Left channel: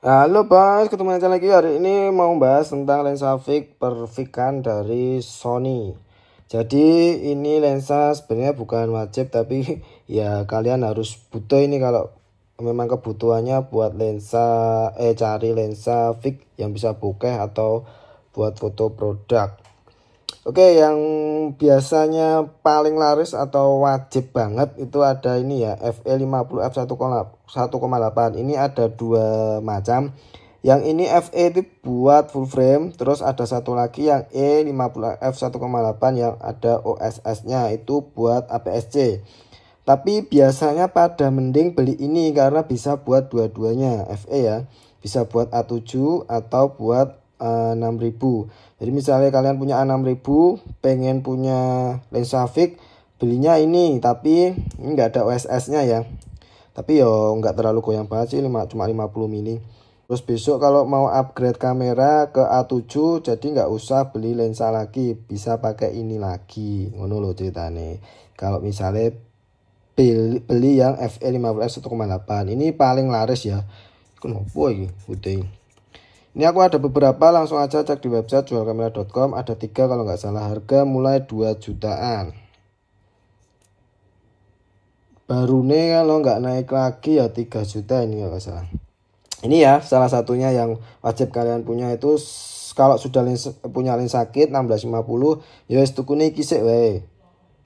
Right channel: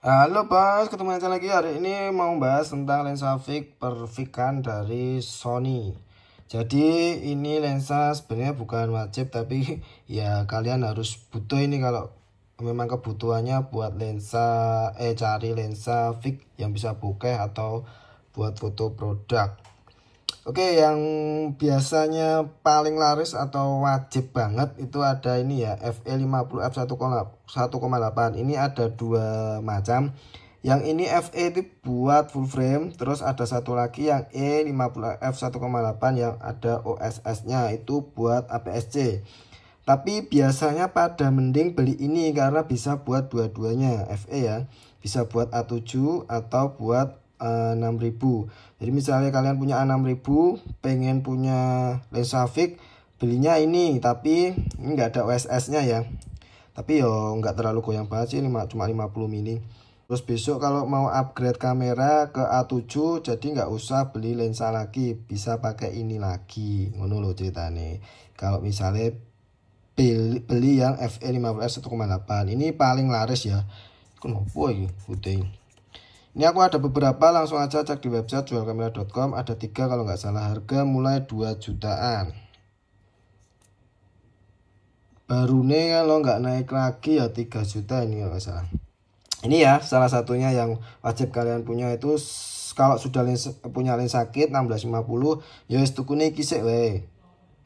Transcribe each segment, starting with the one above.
Halo Bang, ketemu aja lagi. Hari ini mau bahas tentang lensa fix perfikan dari Sony. Jadi ini lensa sebenarnya bukan wajib, tapi ya kalian harus butuh ini kalau memang kebutuhannya buat cari lensa fix yang bisa bokeh atau buat foto produk. Oke, yang biasanya paling laris atau wajib banget itu ada ini ya, FE50 f1,8. Ini ada dua macam. Yang ini FE itu buat full frame, terus ada satu lagi yang E50 f1,8 yang ada OSS-nya itu buat APS-C. Tapi biasanya pada mending beli ini karena bisa buat dua-duanya FE ya. Bisa buat A7 atau buat 6000. Jadi misalnya kalian punya A6000 pengen punya lensa fix, belinya ini, tapi ini enggak ada OSS-nya ya. Tapi yo nggak terlalu goyang banget sih, cuma 50 mili. Terus besok kalau mau upgrade kamera ke A7 jadi nggak usah beli lensa lagi, bisa pakai ini lagi. Ngono loh ceritanya. Kalau misalnya beli yang FE50 f1,8 ini paling laris ya. Kenapa ini putih? Ini aku ada beberapa, langsung aja cek di website jualkamera.com. Ada 3 kalau nggak salah, harga mulai 2 jutaan. Baru nih kalau nggak naik lagi ya 3 juta ini kalau nggak salah. Ini ya salah satunya yang wajib kalian punya itu. Kalau sudah punya lensa kit 1650 ya wis tukune iki sik wae,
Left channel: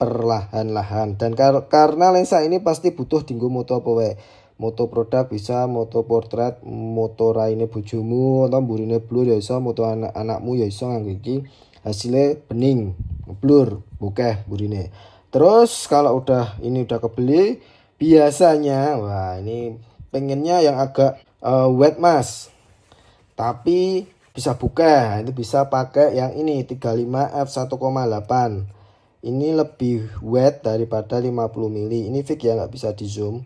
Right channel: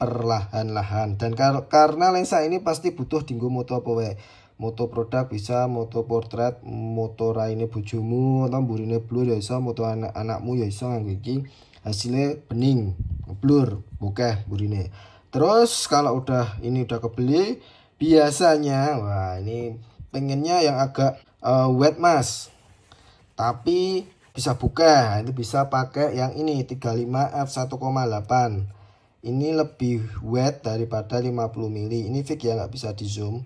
perlahan-lahan. Dan karena lensa ini pasti butuh dinggo moto apa wae. Moto produk bisa, moto portrait, moto raine bojomu atau burine blur ya iso, moto anak-anakmu ya iso nganggo iki. Hasilnya bening, blur, bokeh burine. Terus kalau ini udah kebeli, biasanya wah ini pengennya yang agak wet mas, tapi bisa buka. Itu bisa pakai yang ini 35 f1,8. Ini lebih wet daripada 50 mili. Ini fix ya, nggak bisa di zoom.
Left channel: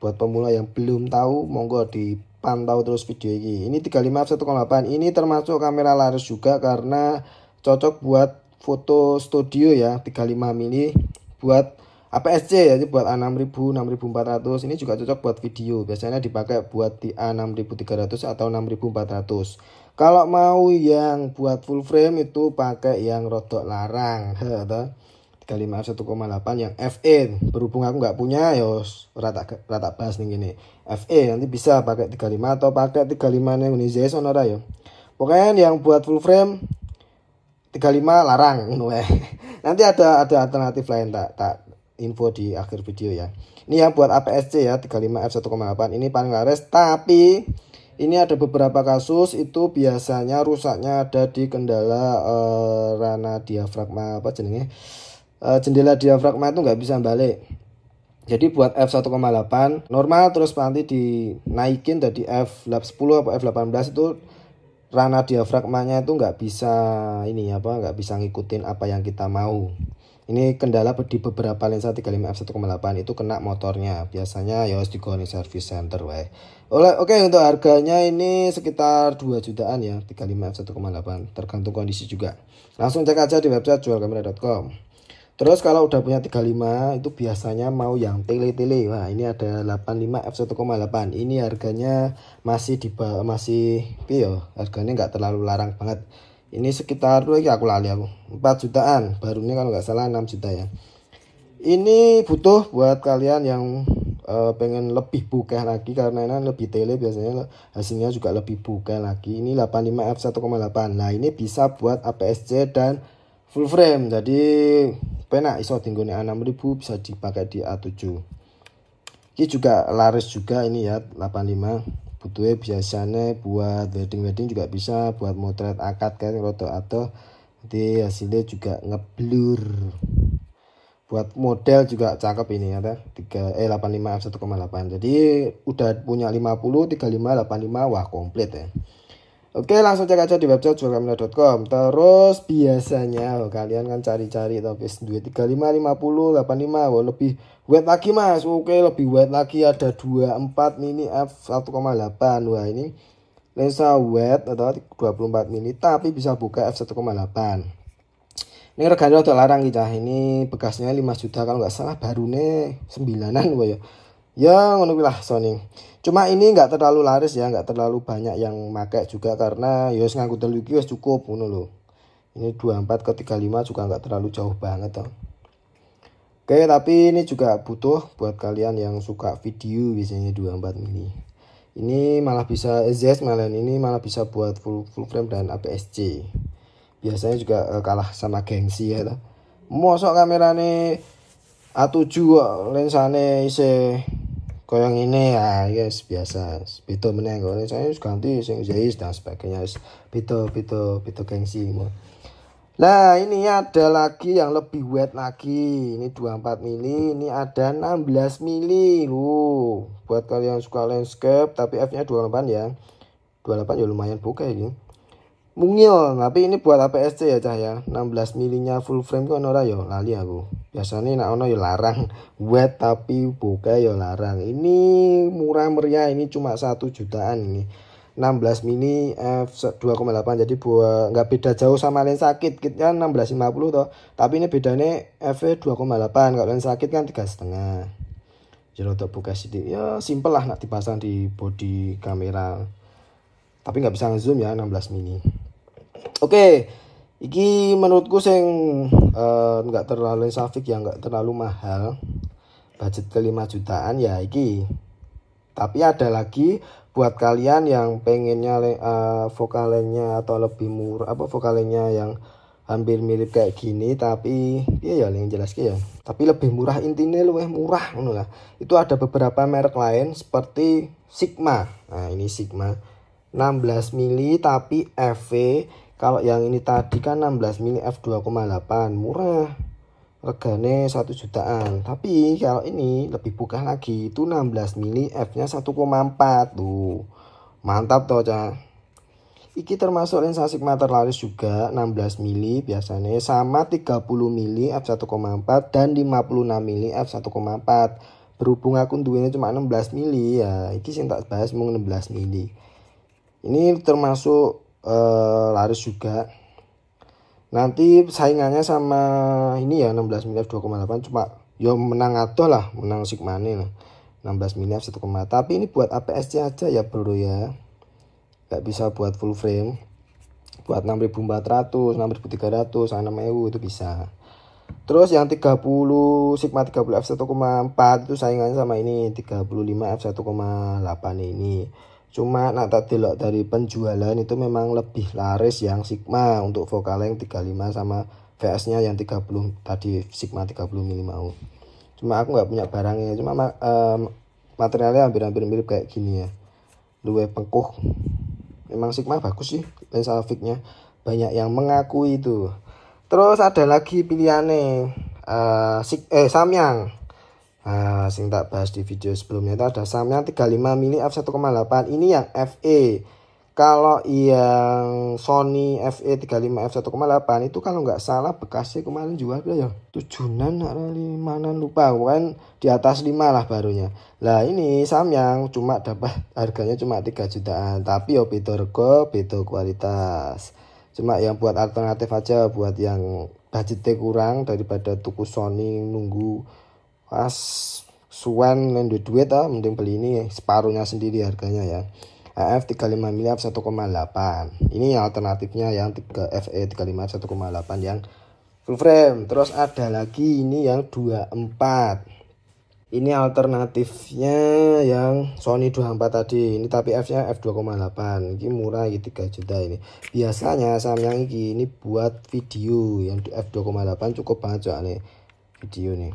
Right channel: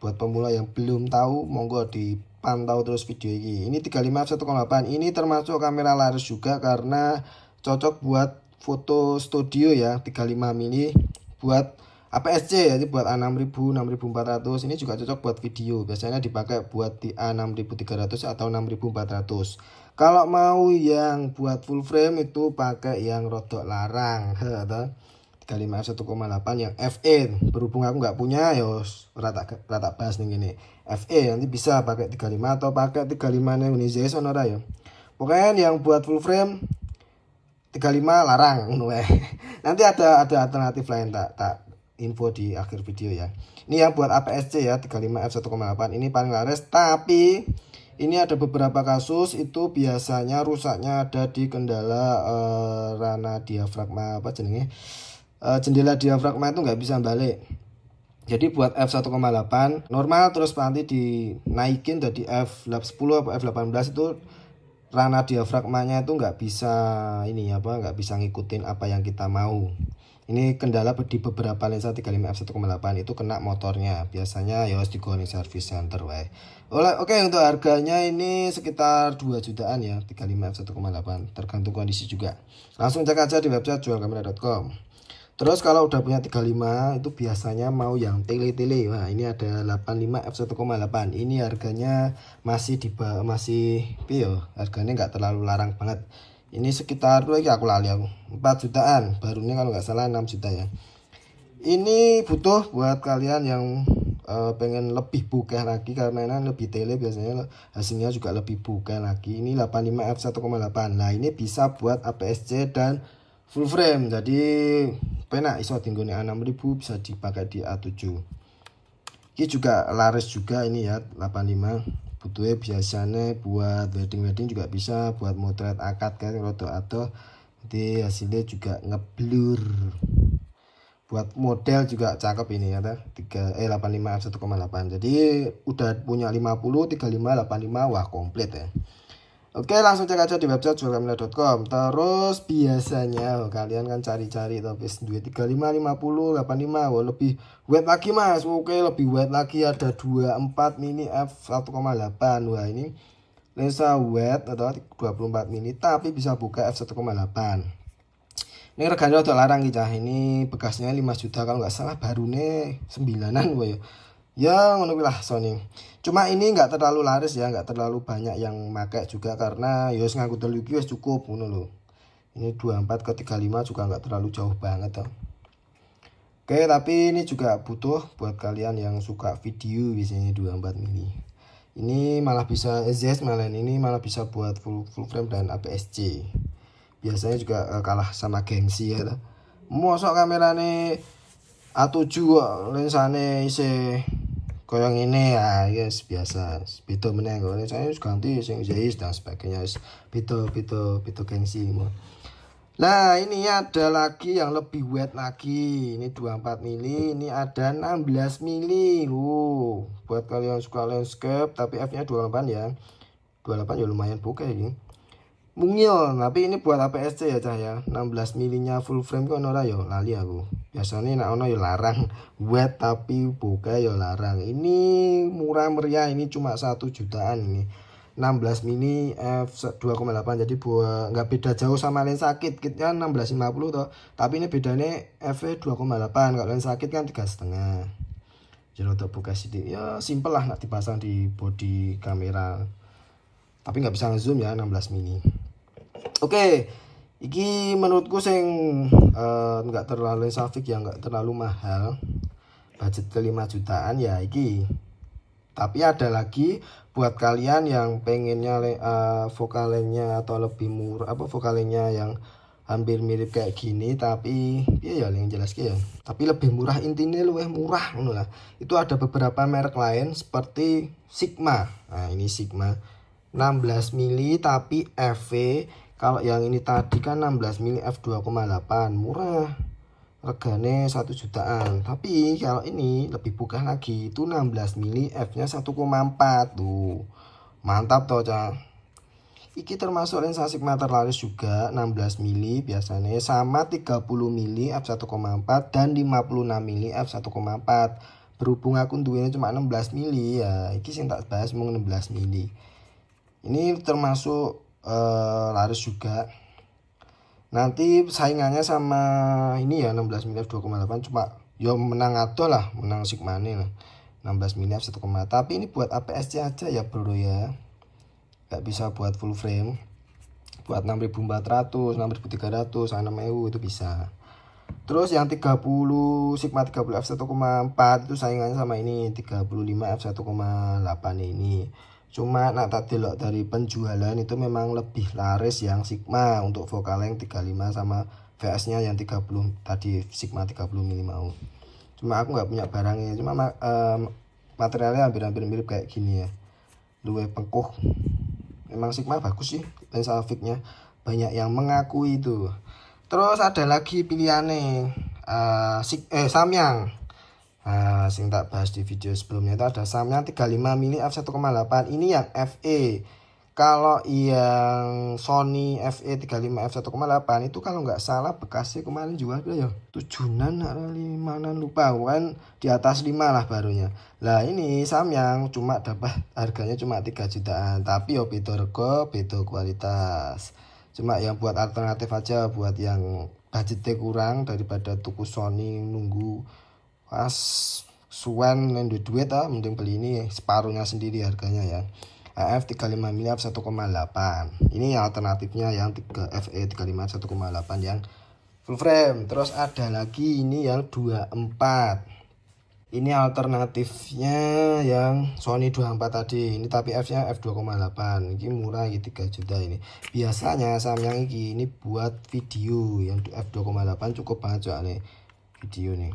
Buat pemula yang belum tahu monggo dipantau terus video ini. Ini 35 f1,8. Ini termasuk kamera laris juga karena cocok buat foto studio ya. 35 mili buat APS-C ya, jadi buat A6000, 6400. Ini juga cocok buat video. Biasanya dipakai buat di A6300 atau 6400. Kalau mau yang buat full frame itu pakai yang rodok larang. 35 1,8 yang FE. Berhubung aku nggak punya ya rata bahas nih gini. FE nanti bisa pakai 35 atau pakai 35 yang ini sonora ya. Pokoknya yang buat full frame 35 larang. Nanti ada alternatif lain tak info di akhir video ya. Ini yang buat APS-C ya, 35 f1,8. Ini paling laris, tapi ini ada beberapa kasus itu biasanya rusaknya ada di kendala rana diafragma apa jenenge, jendela diafragma itu nggak bisa balik. Jadi buat f1,8 normal, terus nanti dinaikin dari f10 atau f18 itu rana diafragmanya itu nggak bisa nggak bisa ngikutin apa yang kita mau. Ini kendala di beberapa lensa 35 f1,8 itu kena motornya. Biasanya ya harus digoni service center wae. Oke, untuk harganya ini sekitar 2 jutaan ya, 35 f1,8, tergantung kondisi juga. Langsung cek aja di website jualkamera.com. Terus kalau udah punya 35 itu biasanya mau yang tele-tele. Wah, ini ada 85 f1,8. Ini harganya masih piyo, harganya nggak terlalu larang banget. Ini sekitar aku lali aku 4 jutaan barunya kalau nggak salah, 6 juta ya. Ini butuh buat kalian yang pengen lebih bokeh lagi, karena ini lebih tele biasanya hasilnya juga lebih bokeh lagi. Ini 85 f1,8. Nah ini bisa buat APS-C dan full frame, jadi penak iso tinggone A6000 bisa dipakai di A7. Ini juga laris juga ini ya, 85. Butuhnya biasanya buat wedding juga bisa, buat motret akad kan roto atau di hasilnya juga ngeblur. Buat model juga cakep ini ya, 85 f1,8. Jadi udah punya 50, 35, 85, wah komplit ya. Oke, langsung cek aja di website jualkamera.com. Terus biasanya kalian kan cari-cari tapi duit 35, 50, 85. Wah, lebih wet lagi mas. Oke, lebih wet lagi, ada 24 mini f1,8. Wah, ini lensa wet atau 24 mini tapi bisa buka f1,8. Ini reganya udah larang kita. Ini bekasnya 5 juta kalau nggak salah, baru nih 9-an wah ya. Ya ngono lah Sony. Cuma ini nggak terlalu laris ya, nggak terlalu banyak yang pakai juga karena ya nganggo telu iki wis cukup ngono lho. Ini 24 ke 35 juga nggak terlalu jauh banget ya. Oke, tapi ini juga butuh buat kalian yang suka video biasanya 24 mili. Ini malah bisa EZS, malah ini malah bisa buat full frame dan APS-C. Biasanya juga kalah sama gengsi ya. Mosok kamerane A7 lensane isih koyo ngene ya, guys, biasa. Beda meneh kok lensane ganti sing Zeiss dan sebagainya. Beda gengsi. Nah, ini ada lagi yang lebih wet lagi. Ini 24 mili, ini ada 16 mili. Buat kalian yang suka landscape tapi f-nya 28 ya. 28 ya lumayan bokeh ini. Mungil, tapi ini buat APS-C ya cah ya. 16 milinya full frame kok ora ya lali aku. Biasanya nek ono ya larang wet tapi bokeh ya larang. Ini murah meriah, ini cuma 1 jutaan ini. 16 mili f2,8 jadi buat nggak beda jauh sama lensa kit. Kitnya 1650 toh, tapi ini bedanya f2,8. kalau lensa kit kan 3,5. jadi untuk buka sidik ya simple lah nak dipasang di body kamera, tapi nggak bisa ngezoom ya 16 mili. Oke, iki menurutku sing nggak terlalu safik ya, nggak terlalu mahal, budget ke 5 jutaan ya iki. Tapi ada lagi buat kalian yang pengennya vokalnya atau lebih murah, vokalnya yang hampir mirip kayak gini tapi ya yang jelas ya, tapi lebih murah, intinya lebih murah ngono lah. Itu ada beberapa merek lain seperti Sigma. Nah, ini Sigma 16 mili tapi FV. Kalau yang ini tadi kan 16 mili f2,8 murah, regane 1 jutaan. Tapi kalau ini lebih buka lagi, itu 16 mili f-nya 1,4 tuh. Mantap toh, Cah. Iki termasuk lensa Sigma terlaris juga, 16 mili biasanya sama 30 mili f1,4 dan 56 mili f1,4. Berhubung aku duenya cuma 16 mili ya, iki sing tak bahas mau 16 mili. Ini termasuk laris juga. Nanti saingannya sama ini ya 16 mili f2,8, cuma yo menang adoh lah, menang Sigma nih lah. 16 mili f1,4. Tapi ini buat APS-C aja ya bro ya. Gak bisa buat full frame. Buat 6400, 6300, 6000 itu bisa. Terus yang 30 Sigma 30 f1,4 itu saingannya sama ini 35 f1,8 ini. Cuma nak tak delok dari penjualan itu memang lebih laris yang Sigma untuk vokal yang 35 sama VS-nya yang 30 tadi, Sigma 30 mili mau. Cuma aku nggak punya barangnya, cuma materialnya hampir-hampir mirip kayak gini ya. Luwe pengkuh. Memang Sigma bagus sih lensa fixnya, banyak yang mengakui itu. Terus ada lagi pilihannya Samyang. Nah, sing tak bahas di video sebelumnya itu ada Samyang 35 mili f1,8. Ini yang FE. Kalau yang Sony FE 35 f1,8 itu kalau nggak salah bekasnya kemarin jual ya 7-an atau 5-an lupa, kan di atas 5 lah barunya. Lah ini Samyang cuma dapat harganya cuma 3 jutaan, tapi yo beda rego, beda kualitas. Cuma yang buat alternatif aja buat yang budgetnya kurang, daripada tuku Sony nunggu pas suan ngendu duit mending beli ini separuhnya sendiri harganya ya. AF 35 mili f1,8. Ini yang alternatifnya yang FE 35 1,8 yang full frame. Terus ada lagi ini yang 24. Ini alternatifnya yang Sony 24 tadi. Ini tapi F-nya f2,8. Ini murah, ini 3 juta ini. Biasanya Samyang ini buat video yang f2,8 cukup banget soalnya video nih.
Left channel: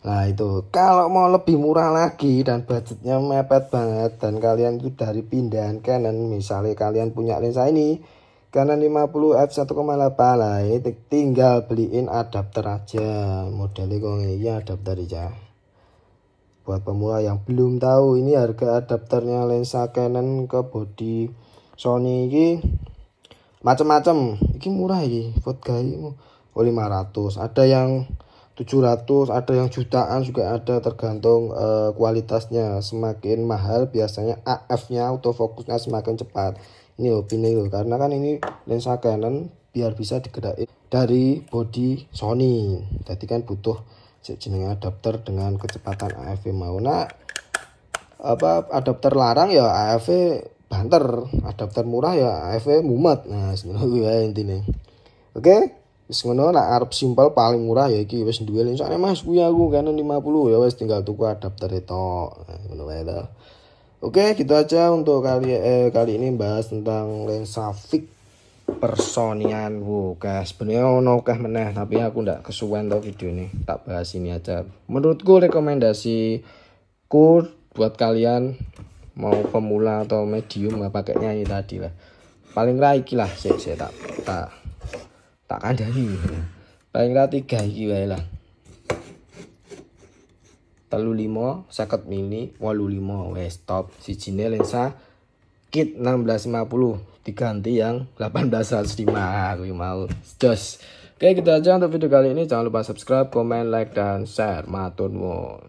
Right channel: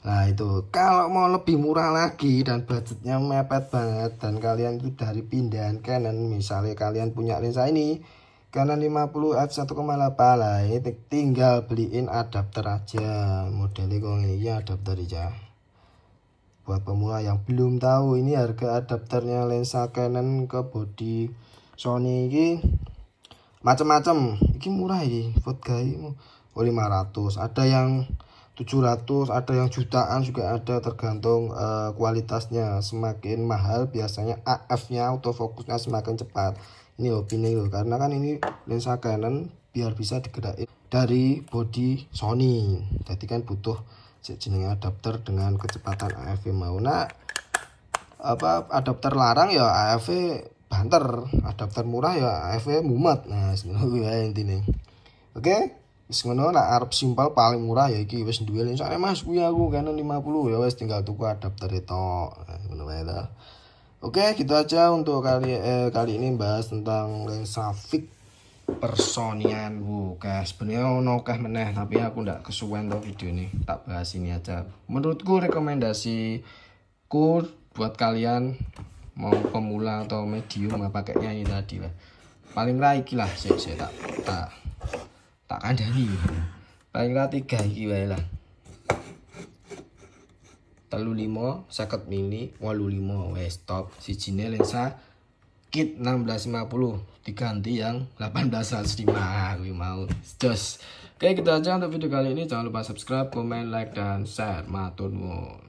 Nah itu kalau mau lebih murah lagi dan budgetnya mepet banget dan kalian itu dari pindahan Canon, misalnya kalian punya lensa ini Canon 50 f1,8 lah, ini tinggal beliin adapter aja, modelnya kok ya adapter aja. Buat pemula yang belum tahu, ini harga adapternya lensa Canon ke body Sony ini macam-macam. Ini murah ini buat gaya 500, ada yang 700, ada yang jutaan juga ada, tergantung kualitasnya. Semakin mahal biasanya AF-nya autofokusnya semakin cepat. Ini opini loh, karena kan ini lensa Canon biar bisa digerakin dari body Sony. Jadi kan butuh jenis adapter dengan kecepatan AF mau. Nah, adapter larang ya AFV banter, adapter murah ya AFV mumet. Nah sebenarnya intinya. Oke, wis ngono lah, arep simpel paling murah ya iki wis duwe lensane Mas kuwi aku Canon 50 ya wis tinggal tuku adapter itu. Ngono wae ta. Oke, gitu aja untuk kali ini bahas tentang lensa fix Personian. Oke, sebenarnya ono akeh meneh tapi aku ndak kesuwen to video ini. Tak bahas ini aja. Menurutku rekomendasiku buat kalian mau pemula atau medium pakainya ini tadi lah. Paling ra iki lah saya tak kandani. Paling ra 3 iki wae lah. 35 50 mili 85 wes top. Sijine lensa kit 1650 diganti yang 1805 aku mau jos. Oke, gitu aja untuk video kali ini. Jangan lupa subscribe, komen, like, dan share. Matur nuwun.